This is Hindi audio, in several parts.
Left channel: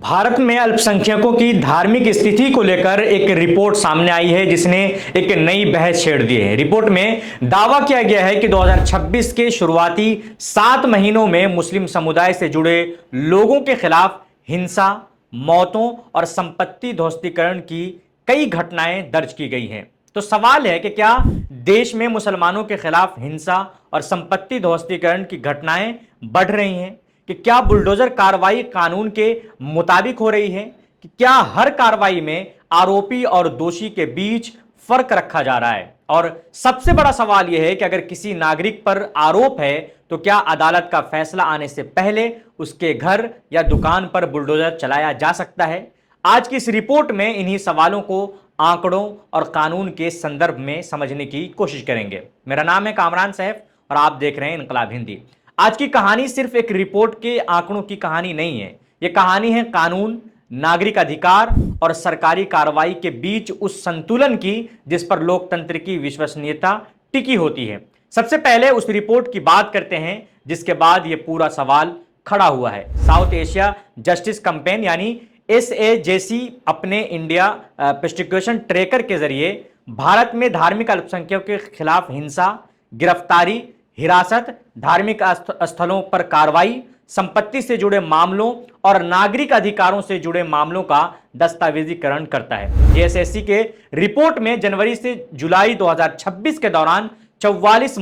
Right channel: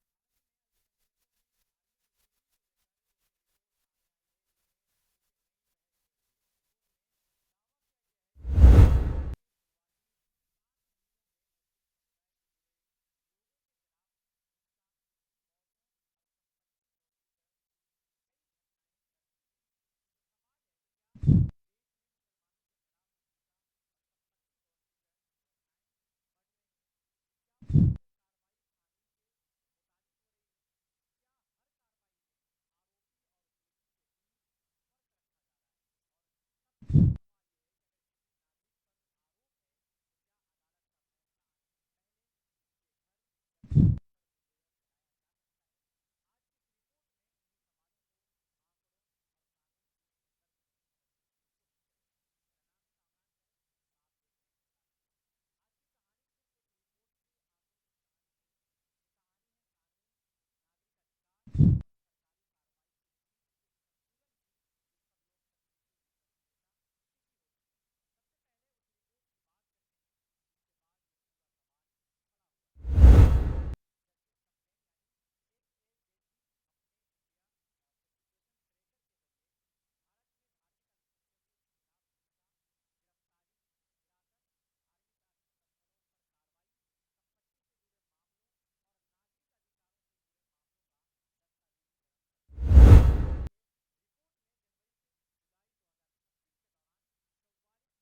भारत में अल्पसंख्यकों की धार्मिक स्थिति को लेकर एक रिपोर्ट सामने आई है जिसने एक नई बहस छेड़ दी है। रिपोर्ट में दावा किया गया है कि 2026 के शुरुआती 7 महीनों में मुस्लिम समुदाय से जुड़े लोगों के खिलाफ हिंसा, मौतों और संपत्ति ध्वस्तीकरण की कई घटनाएं दर्ज की गई हैं। तो सवाल है कि क्या देश में मुसलमानों के खिलाफ हिंसा और संपत्ति ध्वस्तीकरण की घटनाएं बढ़ रही हैं? कि क्या बुलडोजर कार्रवाई कानून के मुताबिक हो रही है? कि क्या हर कार्रवाई में आरोपी और दोषी के बीच फर्क रखा जा रहा है? और सबसे बड़ा सवाल यह है कि अगर किसी नागरिक पर आरोप है तो क्या अदालत का फैसला आने से पहले उसके घर या दुकान पर बुलडोजर चलाया जा सकता है? आज की इस रिपोर्ट में इन्हीं सवालों को आंकड़ों और कानून के संदर्भ में समझने की कोशिश करेंगे। मेरा नाम है कामरान सैफ और आप देख रहे हैं इनकलाब हिंदी। आज की कहानी सिर्फ एक रिपोर्ट के आंकड़ों की कहानी नहीं है। यह कहानी है कानून, नागरिक अधिकार और सरकारी कार्रवाई के बीच उस संतुलन की जिस पर लोकतंत्र की विश्वसनीयता टिकी होती है। सबसे पहले उस रिपोर्ट की बात करते हैं जिसके बाद यह पूरा सवाल खड़ा हुआ है। साउथ एशिया जस्टिस कैंपेन यानी SAJC अपने इंडिया प्रोसिक्यूशन ट्रैकर के जरिए भारत में धार्मिक अल्पसंख्यकों के खिलाफ हिंसा, गिरफ्तारी, हिरासत, धार्मिक स्थलों पर कार्रवाई, संपत्ति से जुड़े मामलों और नागरिक अधिकारों से जुड़े मामलों का दस्तावेजीकरण करता है। JSSC के रिपोर्ट में जनवरी से जुलाई 2026 के दौरान 44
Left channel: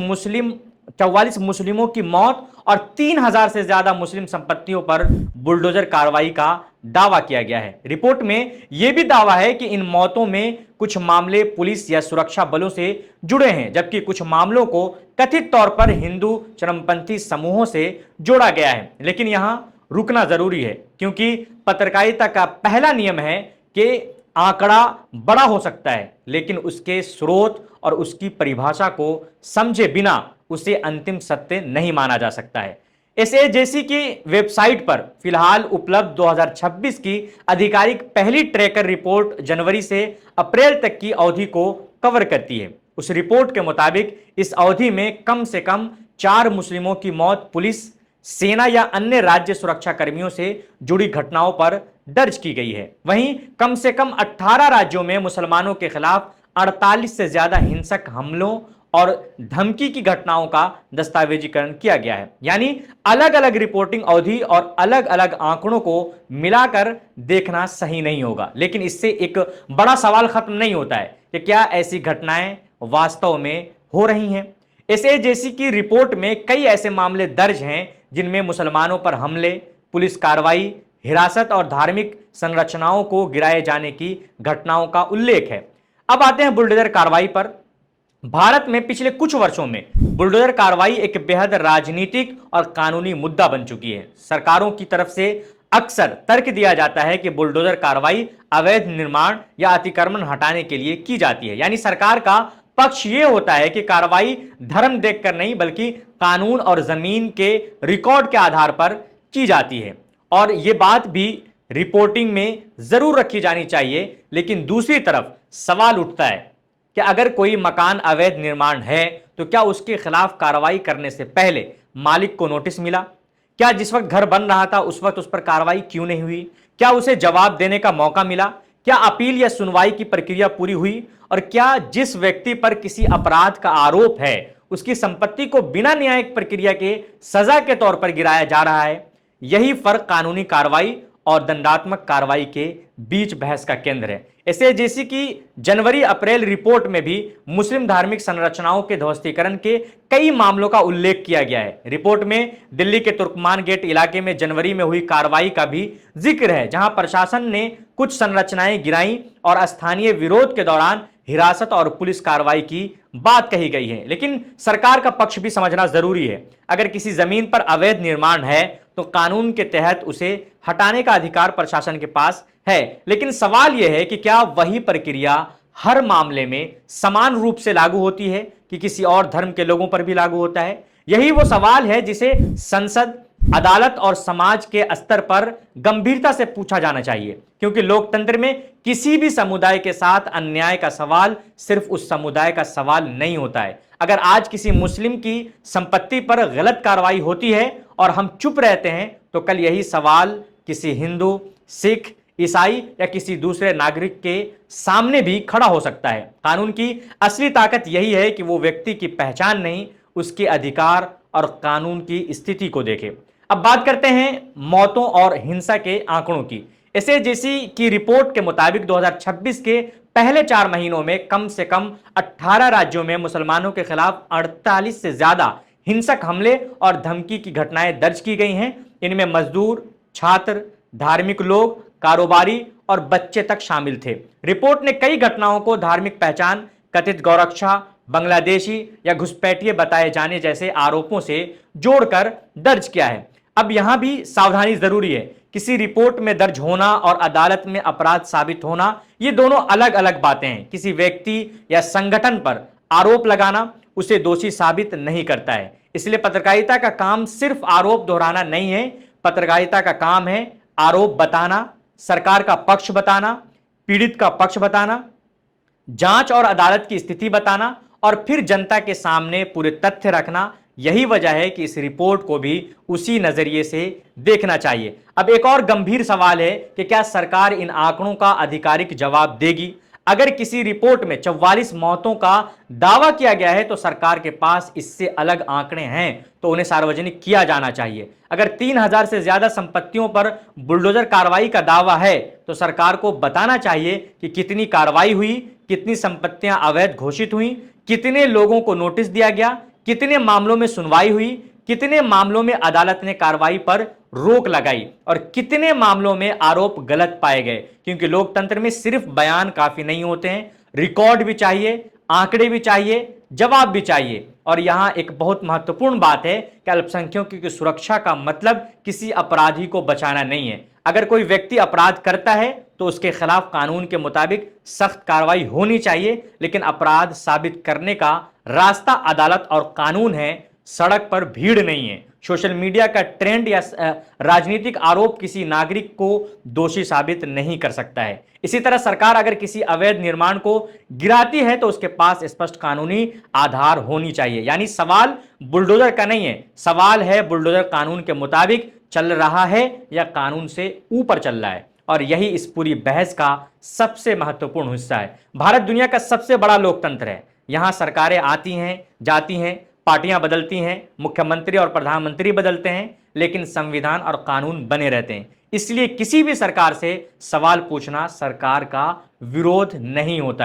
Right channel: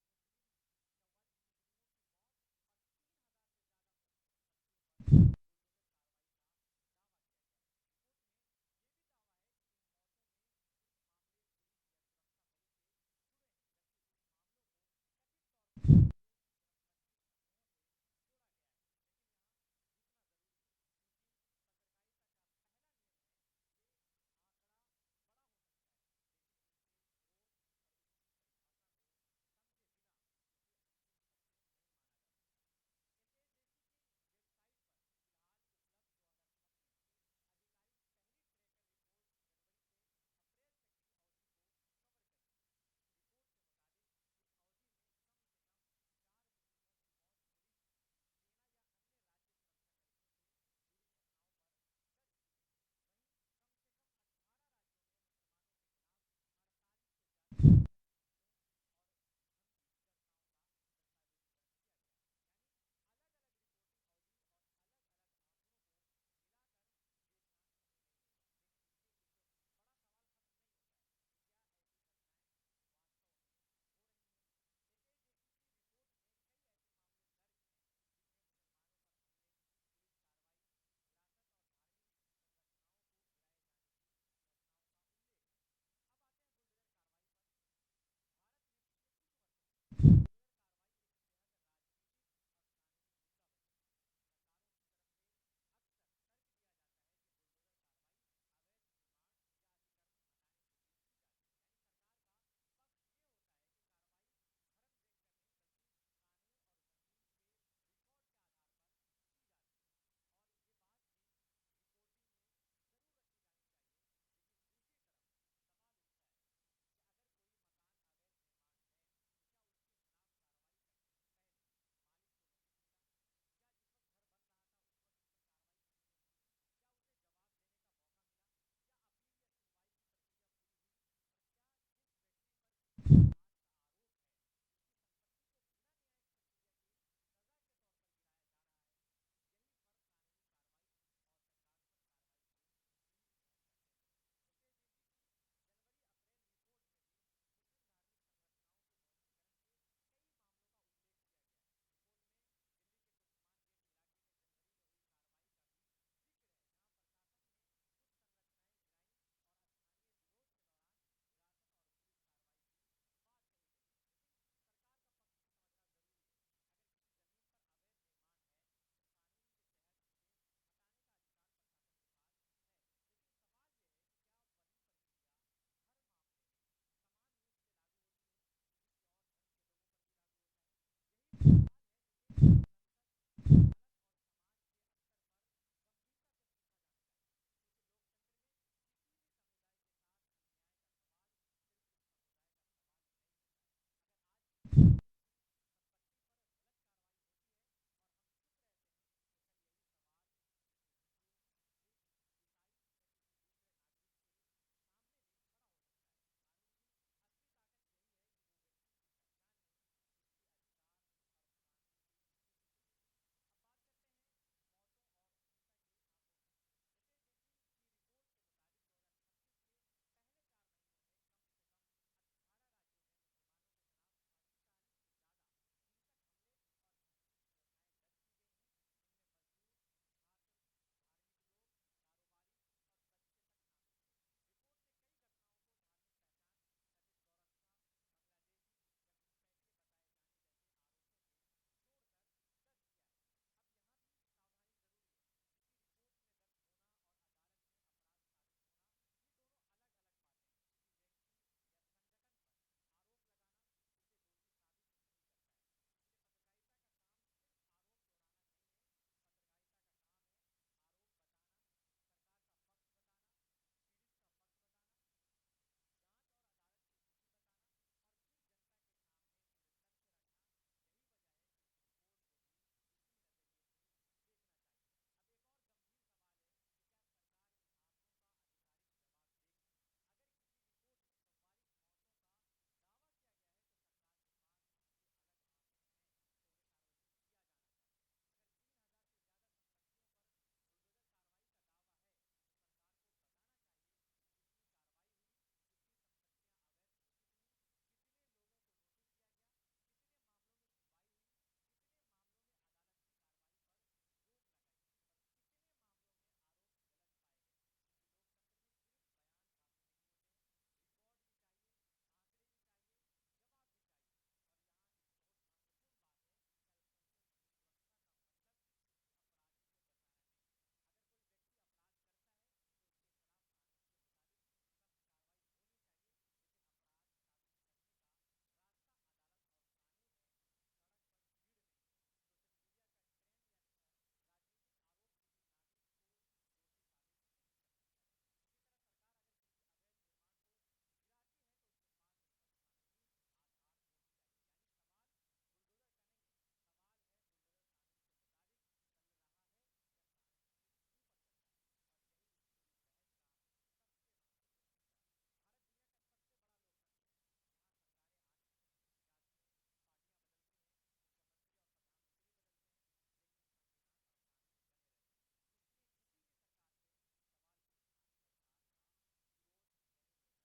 मुस्लिमों की मौत और 3000 से ज्यादा मुस्लिम संपत्तियों पर बुलडोजर कार्रवाई का दावा किया गया है। रिपोर्ट में यह भी दावा है कि इन मौतों में कुछ मामले पुलिस या सुरक्षा बलों से जुड़े हैं, जबकि कुछ मामलों को कथित तौर पर हिंदू चरमपंथी समूहों से जोड़ा गया है। लेकिन यहां रुकना जरूरी है क्योंकि पत्रकारिता का पहला नियम है कि आंकड़ा बड़ा हो सकता है लेकिन उसके स्रोत और उसकी परिभाषा को समझे बिना उसे अंतिम सत्य नहीं माना जा सकता है। SAJC की वेबसाइट पर फिलहाल उपलब्ध 2026 की आधिकारिक पहली ट्रैकर रिपोर्ट जनवरी से अप्रैल तक की अवधि को कवर करती है। उस रिपोर्ट के मुताबिक इस अवधि में कम से कम 4 मुस्लिमों की मौत पुलिस, सेना या अन्य राज्य सुरक्षा कर्मियों से जुड़ी घटनाओं पर दर्ज की गई है। वहीं कम से कम 18 राज्यों में मुसलमानों के खिलाफ 48 से ज्यादा हिंसक हमलों और धमकी की घटनाओं का दस्तावेजीकरण किया गया है। यानी अलग अलग रिपोर्टिंग अवधि और अलग अलग आंकड़ों को मिलाकर देखना सही नहीं होगा, लेकिन इससे एक बड़ा सवाल खत्म नहीं होता है कि क्या ऐसी घटनाएं वास्तव में हो रही हैं। SAJC की रिपोर्ट में कई ऐसे मामले दर्ज हैं जिनमें मुसलमानों पर हमले, पुलिस कार्रवाई, हिरासत और धार्मिक संरचनाओं को गिराए जाने की घटनाओं का उल्लेख है। अब आते हैं बुलडोजर कार्रवाई पर। भारत में पिछले कुछ वर्षों में बुलडोजर कार्रवाई एक बेहद राजनीतिक और कानूनी मुद्दा बन चुकी है। सरकारों की तरफ से अक्सर तर्क दिया जाता है कि बुलडोजर कार्रवाई अवैध निर्माण या अतिक्रमण हटाने के लिए की जाती है। यानी सरकार का पक्ष यह होता है कि कार्रवाई धर्म देखकर नहीं बल्कि कानून और जमीन के रिकॉर्ड के आधार पर की जाती है। और यह बात भी रिपोर्टिंग में जरूर रखी जानी चाहिए। लेकिन दूसरी तरफ सवाल उठता है कि अगर कोई मकान अवैध निर्माण है तो क्या उसके खिलाफ कार्रवाई करने से पहले मालिक को नोटिस मिला? क्या जिस वक्त घर बन रहा था उस वक्त उस पर कार्रवाई क्यों नहीं हुई? क्या उसे जवाब देने का मौका मिला? क्या अपील या सुनवाई की प्रक्रिया पूरी हुई? और क्या जिस व्यक्ति पर किसी अपराध का आरोप है उसकी संपत्ति को बिना न्यायिक प्रक्रिया के सजा के तौर पर गिराया जा रहा है? यही फर्क कानूनी कार्रवाई और दंडात्मक कार्रवाई के बीच बहस का केंद्र है। SAJC की जनवरी अप्रैल रिपोर्ट में भी मुस्लिम धार्मिक संरचनाओं के ध्वस्तीकरण के कई मामलों का उल्लेख किया गया है। रिपोर्ट में दिल्ली के तुर्कमान गेट इलाके में जनवरी में हुई कार्रवाई का भी जिक्र है, जहां प्रशासन ने कुछ संरचनाएं गिराई और स्थानीय विरोध के दौरान हिरासत और पुलिस कार्रवाई की बात कही गई है। लेकिन सरकार का पक्ष भी समझना जरूरी है। अगर किसी जमीन पर अवैध निर्माण है तो कानून के तहत उसे हटाने का अधिकार प्रशासन के पास है। लेकिन सवाल यह है कि क्या वही प्रक्रिया हर मामले में समान रूप से लागू होती है कि किसी और धर्म के लोगों पर भी लागू होता है? यही वो सवाल है जिसे संसद, अदालत और समाज के स्तर पर गंभीरता से पूछा जाना चाहिए, क्योंकि लोकतंत्र में किसी भी समुदाय के साथ अन्याय का सवाल सिर्फ उस समुदाय का सवाल नहीं होता है। अगर आज किसी मुस्लिम की संपत्ति पर गलत कार्रवाई होती है और हम चुप रहते हैं तो कल यही सवाल किसी हिंदू सिख, ईसाई या किसी दूसरे नागरिक के सामने भी खड़ा हो सकता है। कानून की असली ताकत यही है कि वो व्यक्ति की पहचान नहीं, उसके अधिकार और कानून की स्थिति को देखे। अब बात करते हैं मौतों और हिंसा के आंकड़ों की। एसएजीसी की रिपोर्ट के मुताबिक 2026 के पहले 4 महीनों में कम से कम 18 राज्यों में मुसलमानों के खिलाफ 48 से ज्यादा हिंसक हमले और धमकी की घटनाएं दर्ज की गई हैं। इनमें मजदूर, छात्र, धार्मिक लोग, कारोबारी और बच्चे तक शामिल थे। रिपोर्ट ने कई घटनाओं को धार्मिक पहचान, कथित गौरक्षा, बांग्लादेशी या घुसपैठिए बताए जाने जैसे आरोपों से जोड़कर दर्ज किया है। अब यहां भी सावधानी जरूरी है। किसी रिपोर्ट में दर्ज होना और अदालत में अपराध साबित होना, ये दोनों अलग अलग बातें हैं। किसी व्यक्ति या संगठन पर आरोप लगाना उसे दोषी साबित नहीं करता है। इसलिए पत्रकारिता का काम सिर्फ आरोप दोहराना नहीं है। पत्रकारिता का काम है आरोप बताना, सरकार का पक्ष बताना, पीड़ित का पक्ष बताना, जांच और अदालत की स्थिति बताना और फिर जनता के सामने पूरे तथ्य रखना। यही वजह है कि इस रिपोर्ट को भी उसी नजरिए से देखना चाहिए। अब एक और गंभीर सवाल है कि क्या सरकार इन आंकड़ों का आधिकारिक जवाब देगी? अगर किसी रिपोर्ट में 44 मौतों का दावा किया गया है तो सरकार के पास इससे अलग आंकड़े हैं तो उन्हें सार्वजनिक किया जाना चाहिए। अगर 3000 से ज्यादा संपत्तियों पर बुलडोजर कार्रवाई का दावा है तो सरकार को बताना चाहिए कि कितनी कार्रवाई हुई, कितनी संपत्तियां अवैध घोषित हुई, कितने लोगों को नोटिस दिया गया, कितने मामलों में सुनवाई हुई, कितने मामलों में अदालत ने कार्रवाई पर रोक लगाई और कितने मामलों में आरोप गलत पाए गए। क्योंकि लोकतंत्र में सिर्फ बयान काफी नहीं होते हैं, रिकॉर्ड भी चाहिए, आंकड़े भी चाहिए, जवाब भी चाहिए। और यहां एक बहुत महत्वपूर्ण बात है कि अल्पसंख्यकों की सुरक्षा का मतलब किसी अपराधी को बचाना नहीं है। अगर कोई व्यक्ति अपराध करता है तो उसके खिलाफ कानून के मुताबिक सख्त कार्रवाई होनी चाहिए, लेकिन अपराध साबित करने का रास्ता अदालत और कानून है, सड़क पर भीड़ नहीं है। सोशल मीडिया का ट्रेंड या राजनीतिक आरोप किसी नागरिक को दोषी साबित नहीं कर सकता है। इसी तरह सरकार अगर किसी अवैध निर्माण को गिराती है तो उसके पास स्पष्ट कानूनी आधार होनी चाहिए। यानी सवाल बुलडोजर का नहीं है, सवाल है बुलडोजर कानून के मुताबिक चल रहा है या कानून से ऊपर चल रहा है। और यही इस पूरी बहस का सबसे महत्वपूर्ण हिस्सा है। भारत दुनिया का सबसे बड़ा लोकतंत्र है। यहां सरकारें आती हैं, जाती हैं, पार्टियां बदलती हैं, मुख्यमंत्री और प्रधानमंत्री बदलते हैं, लेकिन संविधान और कानून बने रहते हैं। इसलिए किसी भी सरकार से सवाल पूछना सरकार का विरोध नहीं होता है।